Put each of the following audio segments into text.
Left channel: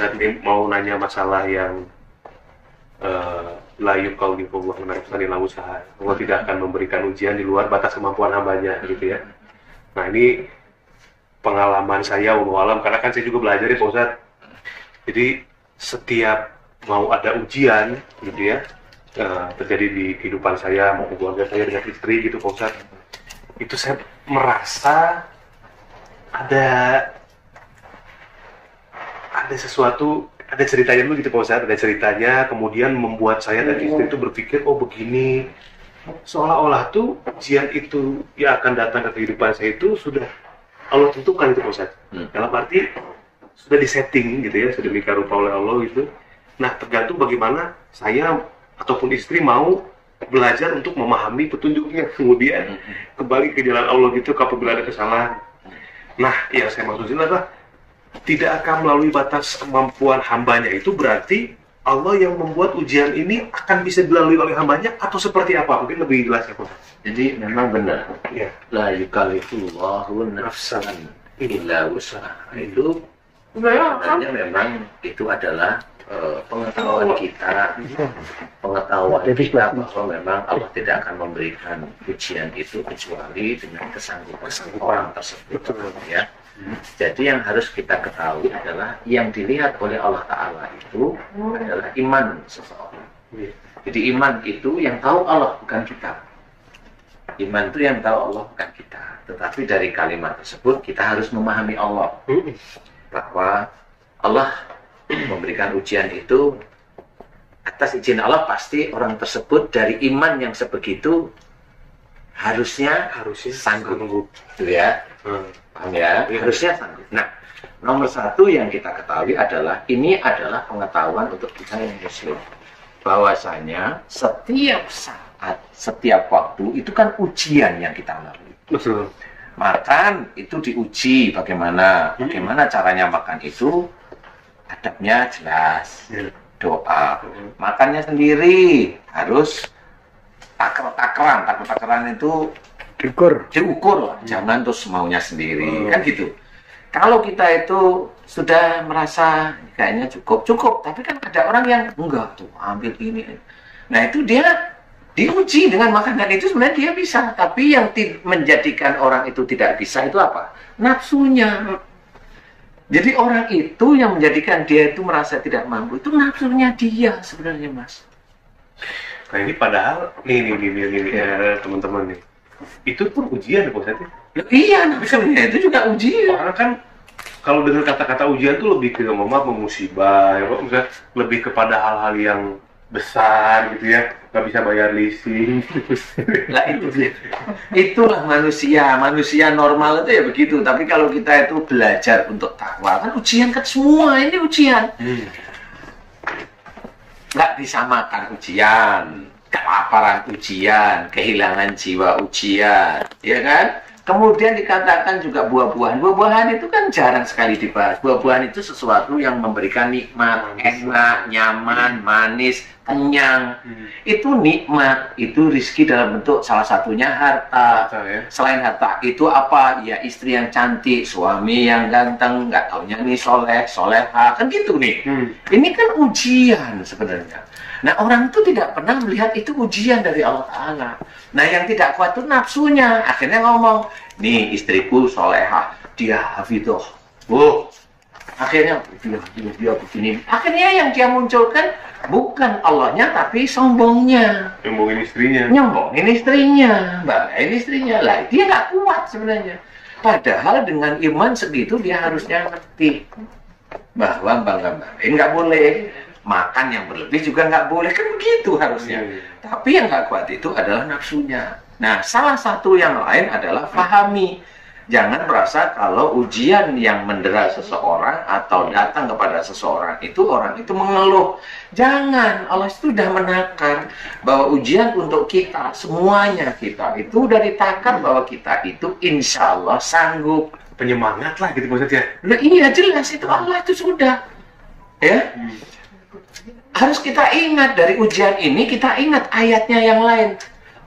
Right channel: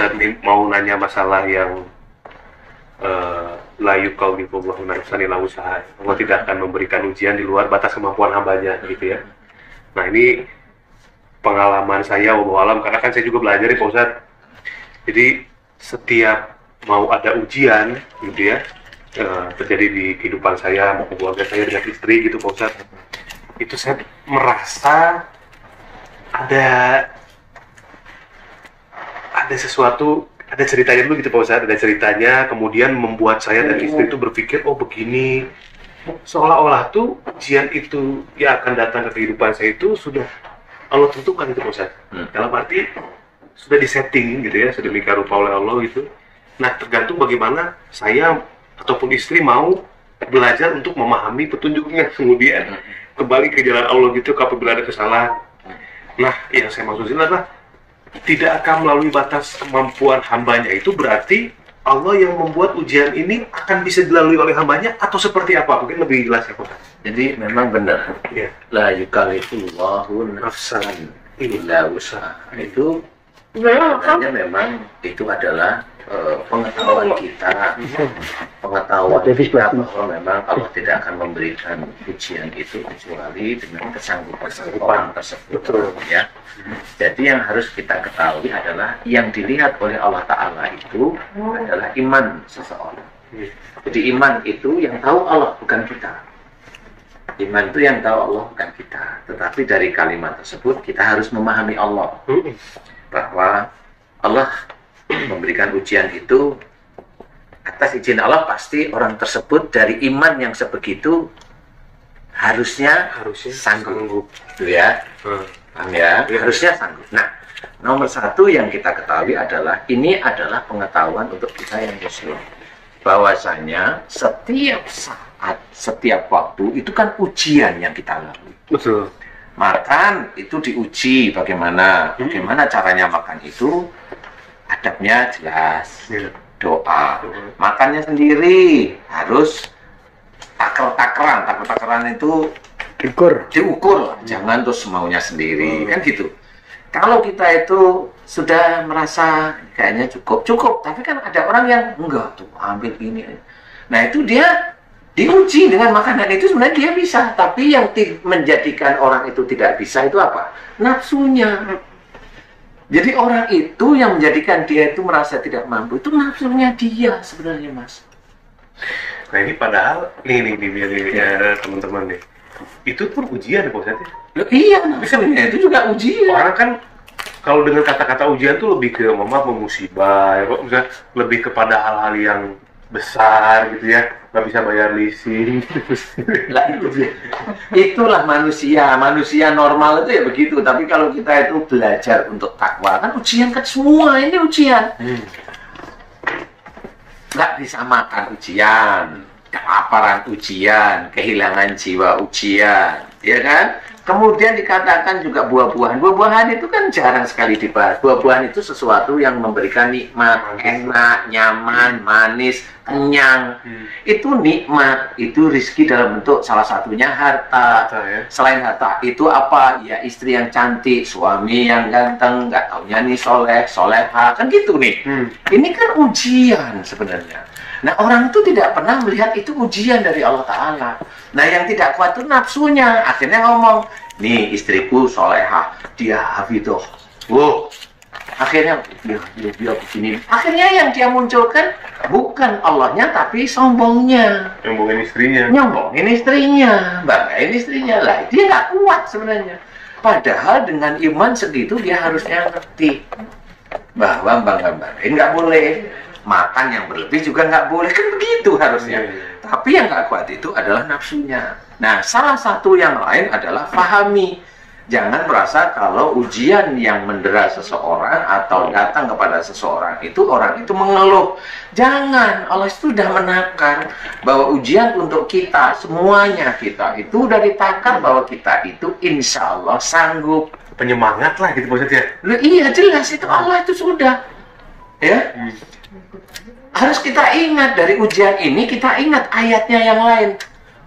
Ustaz mau nanya masalah yang la yukallifullahu nafsan illa wus'aha. Allah tidak akan memberikan ujian di luar batas kemampuan hambanya gitu ya. Nah ini pengalaman saya wallahu alam, karena kan saya juga belajar ya Pak Ustadz. Jadi setiap mau ada ujian gitu ya, terjadi di kehidupan saya maupun keluarga saya dengan istri gitu Pak Ustadz, itu saya merasa ada sesuatu, ada ceritanya dulu gitu Pak Ustadz, ada ceritanya kemudian membuat saya dan istri itu berpikir, oh begini, seolah-olah tuh ujian itu yang akan datang ke kehidupan saya itu sudah Allah tentukan itu Pak Ustadz. Dalam arti sudah disetting gitu ya, sedemikian rupa oleh Allah itu. Nah tergantung bagaimana saya ataupun istri mau belajar untuk memahami petunjuknya, kemudian kembali ke jalan Allah gitu apabila ada kesalahan. Nah yang saya maksudin adalah tidak akan melalui batas kemampuan hambanya, itu berarti Allah yang membuat ujian ini akan bisa dilalui oleh hambanya atau seperti apa? Mungkin lebih jelas ya Pak. Jadi memang benar. Ya. La yukallifullahu nafsan illa wus'aha. Itu sebenarnya memang itu adalah pengetahuan kita, bahwa memang Allah tidak akan memberikan ujian itu kecuali dengan kesanggupan orang tersebut. Betul. Ya. Jadi yang harus kita ketahui adalah yang dilihat oleh Allah Ta'ala itu adalah iman seseorang. Jadi iman itu yang tahu Allah, bukan kita. Iman itu yang tahu Allah, bukan kita. Tetapi dari kalimat tersebut kita harus memahami Allah, bahwa Allah memberikan ujian itu atas izin Allah. Pasti orang tersebut dari iman yang sebegitu harusnya sanggup. Gitu ya. Paham ya? Harusnya sanggup. Nah, nomor satu yang kita ketahui adalah ini adalah pengetahuan untuk kita yang muslim, bahwasanya setiap saat, setiap waktu itu kan ujian yang kita lalui. Betul. Makan itu diuji bagaimana caranya makan itu, adabnya jelas, doa. Makannya sendiri harus taker-takeran itu diukur, jangan terus maunya sendiri, kan gitu. Kalau kita itu sudah merasa kayaknya cukup, tapi kan ada orang yang enggak tuh ambil ini. Nah itu dia diuji dengan makanan itu, sebenarnya dia bisa, tapi yang menjadikan orang itu tidak bisa itu apa? Nafsunya. Jadi orang itu yang menjadikan dia itu merasa tidak mampu, itu nafsunya dia sebenarnya, Mas. Nah ini padahal nih teman-teman nih, itu pun ujian ya Pak Ustadz. Iya, nafsunya itu juga ujian. Orang kan kalau dengan kata-kata ujian tuh lebih ke musibah, ya Pak, misalnya lebih kepada hal-hal yang besar gitu ya, nggak bisa bayar leasing. Lah itulah manusia normal itu ya begitu. Tapi kalau kita itu belajar untuk takwa, kan ujian kan semua ini ujian. Nggak disamakan ujian, kelaparan ujian, kehilangan jiwa ujian, ya kan? Kemudian dikatakan juga buah-buahan itu kan jarang sekali dibahas. Buah-buahan itu sesuatu yang memberikan nikmat, enak, nyaman, manis, kenyang. Itu nikmat, itu rezeki dalam bentuk salah satunya harta. Ya. Selain harta itu apa? Ya istri yang cantik, suami yang ganteng, nggak taunya nih soleha, kan gitu nih. Ini kan ujian sebenarnya. Nah orang itu tidak pernah melihat itu ujian dari Allah Ta'ala. Nah yang tidak kuat itu nafsunya. Akhirnya ngomong, nih istriku solehah, dia hafidhoh. Akhirnya dia begini. Akhirnya yang dia munculkan bukan Allahnya tapi sombongnya. Nyombongin istrinya. Banggain istrinya. Lah dia nggak kuat sebenarnya. Padahal dengan iman segitu dia harusnya ngerti bahwa bangga-banggain nggak boleh. Makan yang berlebih juga nggak boleh, kan begitu harusnya. Tapi yang nggak kuat itu adalah nafsunya. Nah, salah satu yang lain adalah pahami. Jangan merasa kalau ujian yang mendera seseorang atau datang kepada seseorang itu orang itu mengeluh. Jangan, Allah sudah menakar bahwa ujian untuk kita, semuanya kita itu udah ditakar bahwa kita itu insya Allah sanggup. Penyemangat lah gitu maksudnya. Iya jelas itu Allah itu sudah. Ya. Harus kita ingat dari ujian ini, kita ingat ayatnya yang lain.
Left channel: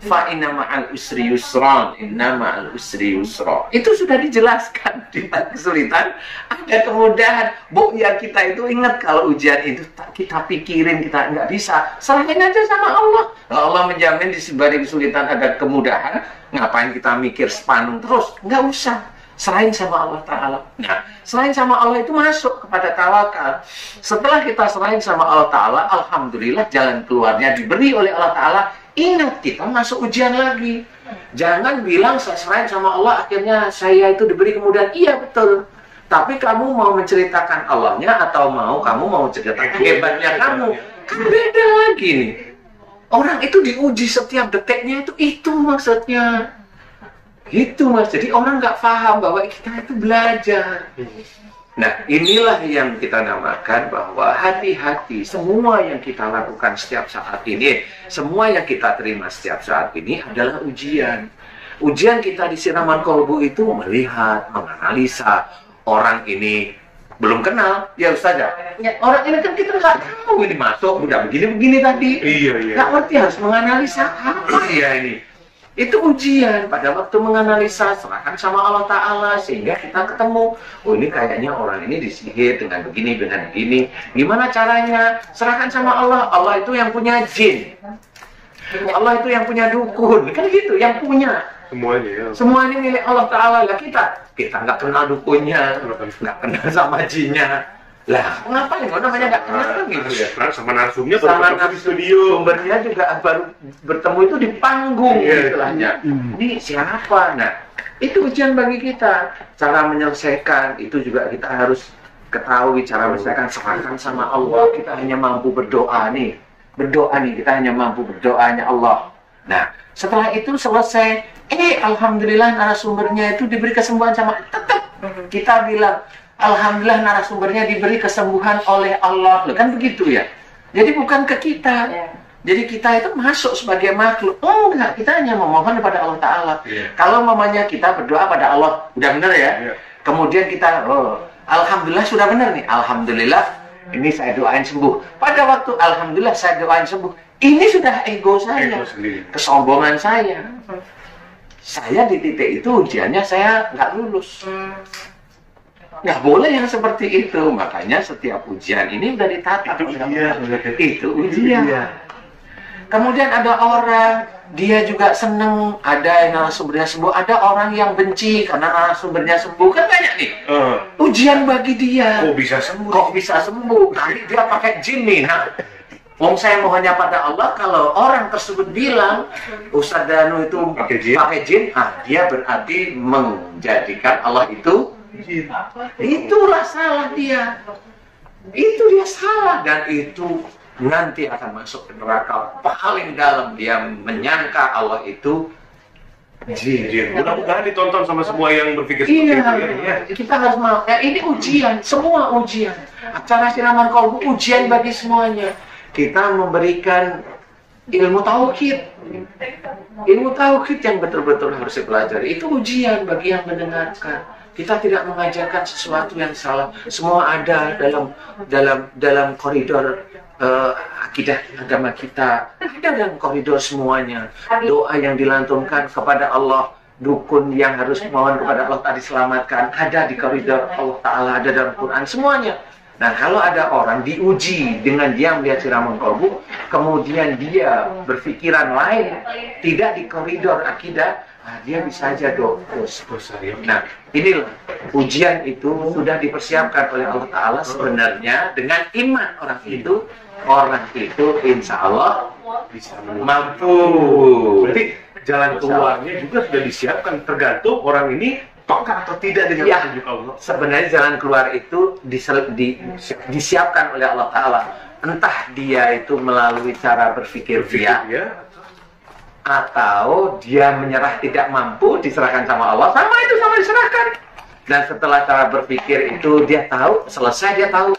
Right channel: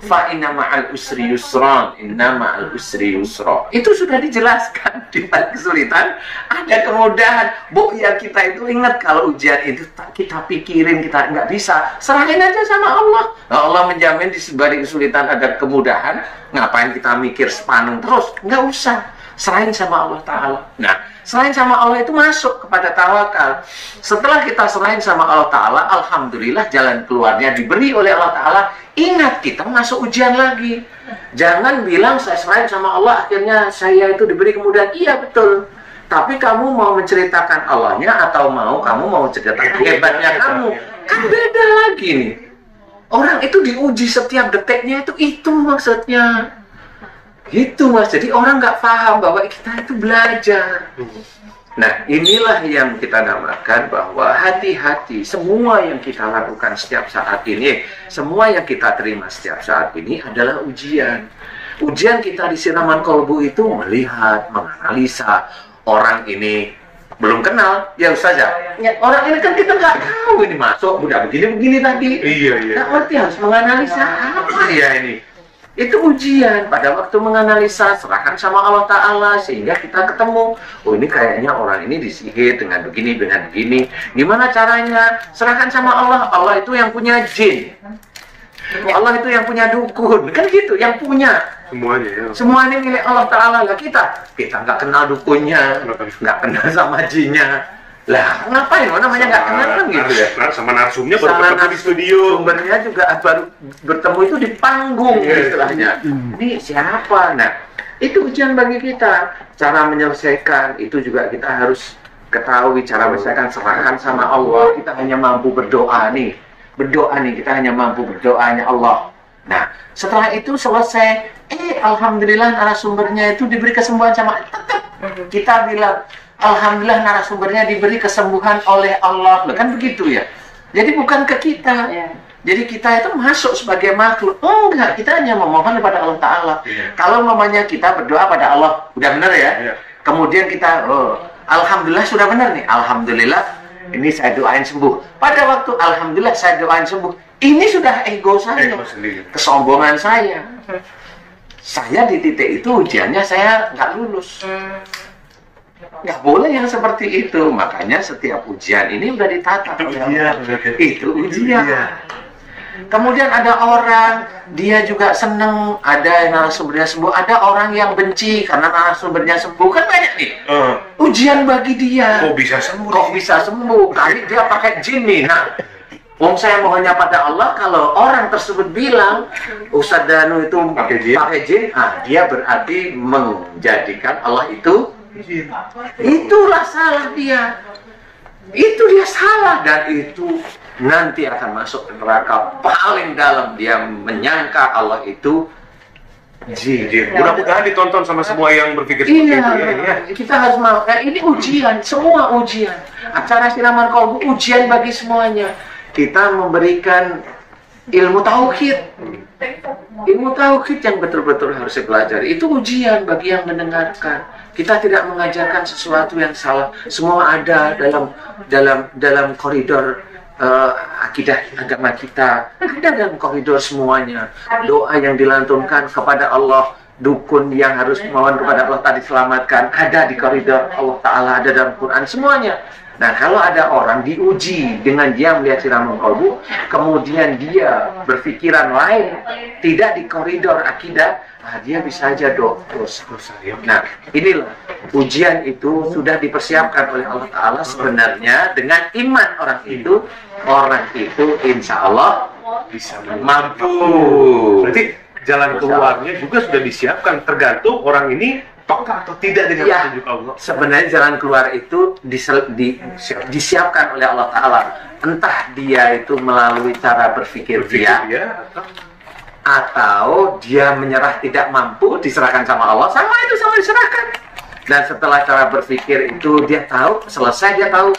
fa inna ma'al usri yusran, inna ma'al usri yusra. Itu sudah dijelaskan. Di balik kesulitan ada kemudahan. Bu, ya kita itu ingat kalau ujian itu kita pikirin, kita nggak bisa, serahin aja sama Allah. Nah, Allah menjamin di balik kesulitan ada kemudahan. Ngapain kita mikir sepaneng terus? Nggak usah, serahin sama Allah Ta'ala. Nah, serahin sama Allah itu masuk kepada tawakal. Setelah kita serahin sama Allah Ta'ala, alhamdulillah jalan keluarnya diberi oleh Allah Ta'ala. Ingat, kita masuk ujian lagi. Jangan bilang saya serahin sama Allah, akhirnya saya itu diberi kemudahan. Iya, betul. Tapi kamu mau menceritakan Allahnya atau kamu mau menceritakan hebatnya kamu? Kan beda lagi nih. Orang itu diuji setiap detiknya, itu maksudnya. Gitu Mas, jadi orang nggak paham bahwa kita itu belajar. Nah, inilah yang kita namakan bahwa hati-hati, semua yang kita lakukan setiap saat ini, semua yang kita terima setiap saat ini adalah ujian. Ujian kita di siraman kolbu itu melihat, menganalisa orang ini belum kenal, ya Ustaz ya. Orang ini kan kita nggak tahu ini masuk, udah begini tadi. Iya. Nggak ngerti, harus menganalisa apa ya ini. Itu ujian. Pada waktu menganalisa, serahkan sama Allah Ta'ala sehingga kita ketemu, oh ini kayaknya orang ini disihir dengan begini. Gimana caranya? Serahkan sama Allah. Allah itu yang punya jin, Allah itu yang punya dukun, kan gitu, yang punya semuanya ya. Semuanya milik Allah Ta'ala. Lah kita nggak kenal dukunnya, nggak kenal sama jinnya. Lah, ngapain? Namanya nggak kenal kan gitu ya. Sama narsumnya baru ketemu di studio. Sumbernya juga baru bertemu itu di panggung istilahnya. Ini siapa? Nah, itu ujian bagi kita. Cara menyelesaikan itu juga kita harus ketahui cara menyelesaikan, serahkan sama Allah. Kita hanya mampu berdoa nih. Kita hanya mampu berdoanya Allah. Nah, setelah itu selesai, alhamdulillah narasumbernya itu diberi kesembuhan sama tetap. Kita bilang alhamdulillah narasumbernya diberi kesembuhan oleh Allah. Loh, kan begitu ya. Jadi bukan ke kita. Jadi kita itu masuk sebagai makhluk. Enggak, kita hanya memohon kepada Allah Ta'ala. Kalau mamanya kita berdoa pada Allah, udah benar ya. Kemudian kita, alhamdulillah sudah benar nih. Alhamdulillah, ini saya doain sembuh. Pada waktu alhamdulillah saya doain sembuh, ini sudah ego saya, kesombongan saya. Saya di titik itu ujiannya saya nggak lulus. Nggak boleh yang seperti itu. Makanya setiap ujian ini udah ditata oleh Allah. Itu ujian. Kemudian ada orang, dia juga seneng, ada yang narasumbernya sembuh, ada orang yang benci karena narasumbernya sembuh. Kan banyak nih. Ujian bagi dia. Kok bisa sembuh? Kali dia pakai jin nih. Nah, saya mohonnya pada Allah, kalau orang tersebut bilang Ustadz Danu itu pakai jin, dia berarti menjadikan Allah itu. Itulah salah dia. Itu dia salah, dan itu nanti akan masuk ke neraka paling dalam. Dia menyangka Allah itu jin. Mudah-mudahan ditonton sama semua yang berpikir seperti itu ya. Kita harus mau. Ini ujian, semua ujian. Acara siraman kolbu ujian bagi semuanya. Kita memberikan ilmu tauhid. Ilmu tauhid yang betul-betul harus dipelajari. Itu ujian bagi yang mendengarkan. Kita tidak mengajarkan sesuatu yang salah. Semua ada dalam koridor akidah agama kita. Ada dalam koridor semuanya. Doa yang dilantunkan kepada Allah, dukun yang harus mohon kepada Allah tadi selamatkan, ada di koridor Allah Ta'ala, ada dalam Quran, semuanya. Nah, kalau ada orang diuji dengan dia melihat siraman kolbu, kemudian dia berpikiran lain, tidak di koridor akidah, dia bisa aja dosa. Nah, inilah ujian itu sudah dipersiapkan oleh Allah Ta'ala sebenarnya. Dengan iman orang itu insya Allah bisa mampu. Berarti jalan keluarnya juga sudah disiapkan, tergantung orang ini peka atau tidak dengan petunjuk Allah. Sebenarnya jalan keluar itu disiapkan oleh Allah Ta'ala. Entah dia itu melalui cara berpikir dia atau dia menyerah tidak mampu, diserahkan sama Allah, sama diserahkan. Dan setelah cara berpikir itu dia tahu, selesai dia tahu,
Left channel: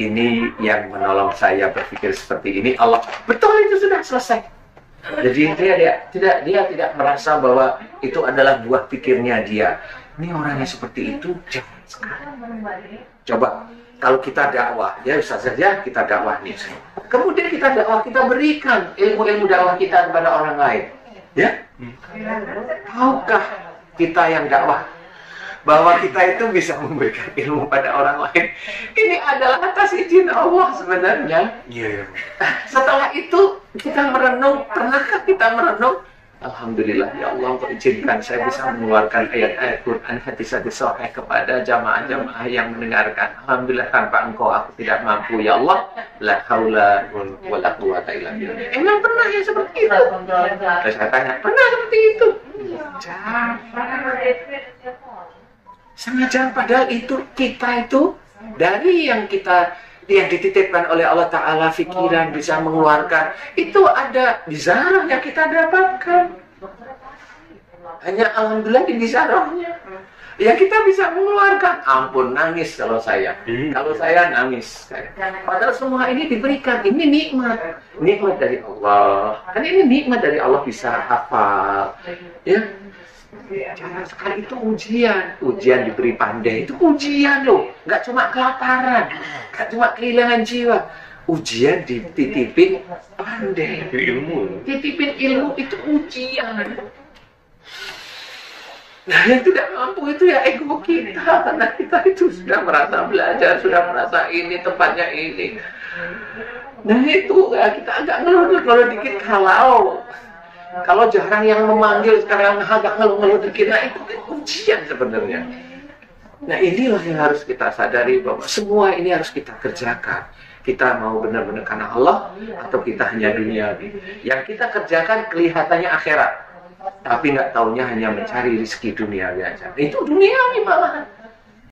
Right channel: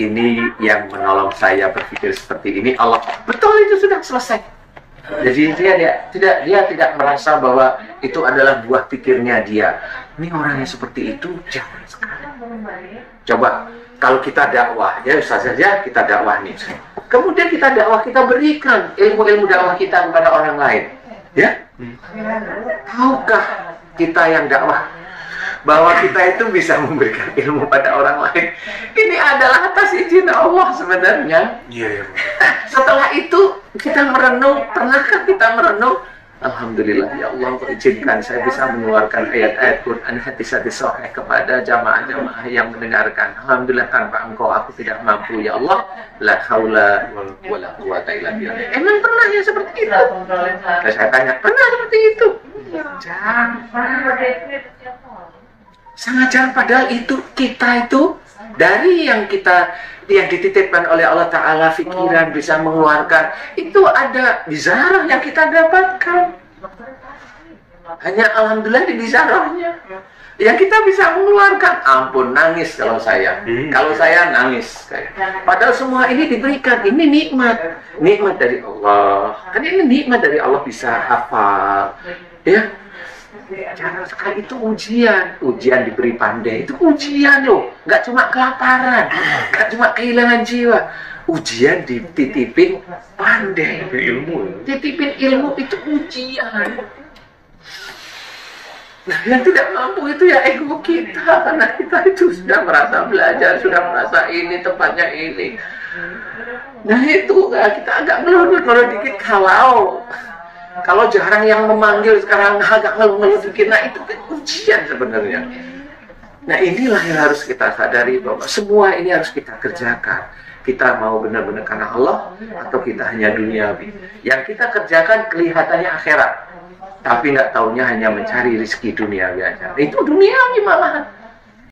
ini yang menolong saya berpikir seperti ini Allah. Betul, itu sudah selesai. Jadi dia tidak merasa bahwa itu adalah buah pikirnya dia. Ini orangnya seperti itu, jangan sekarang. Coba kalau kita dakwah, ya saja kita dakwah nih. Kemudian kita dakwah, kita berikan ilmu-ilmu dakwah kita kepada orang lain. Ya, tahukah kita yang dakwah bahwa kita itu bisa memberikan ilmu pada orang lain? Ini adalah atas izin Allah sebenarnya. Iya, ya. Setelah itu kita merenung, pernahkah kita merenung? Alhamdulillah ya Allah, Engkau izinkan saya bisa mengeluarkan ayat-ayat Quran hadis-hadis sahih kepada jamaah-jamaah yang mendengarkan. Alhamdulillah, tanpa Engkau aku tidak mampu ya Allah. La haula wala quwata illa billah. Emang pernah ya seperti itu? Dan saya tanya, pernah seperti itu? Sangat jarang, padahal itu kita itu dari yang dititipkan oleh Allah Ta'ala, pikiran bisa mengeluarkan, itu ada bizarah yang kita dapatkan. Hanya alhamdulillah di bizarahnya yang kita bisa mengeluarkan. Ampun, nangis kalau saya. Kalau saya nangis. Padahal semua ini diberikan. Ini nikmat dari Allah. Kan ini nikmat dari Allah, bisa hafal. Ya, jangan sekali itu ujian diberi pandai, itu ujian loh, nggak cuma kelaparan, nggak cuma kehilangan jiwa, ujian dititipin pandai, titipin ilmu itu ujian. Nah, yang tidak mampu itu ya ego kita, karena kita itu sudah merasa belajar, sudah merasa ini tempatnya ini. Nah itu kita agak ngeluh dikit kalau jarang yang memanggil, sekarang agak ngeluh dikit. Nah itu kan ujian sebenarnya. Nah inilah yang harus kita sadari, bahwa semua ini harus kita kerjakan. Kita mau benar-benar karena Allah, atau kita hanya duniawi. Yang kita kerjakan kelihatannya akhirat, tapi nggak taunya hanya mencari rezeki duniawi aja. Itu duniawi malahan.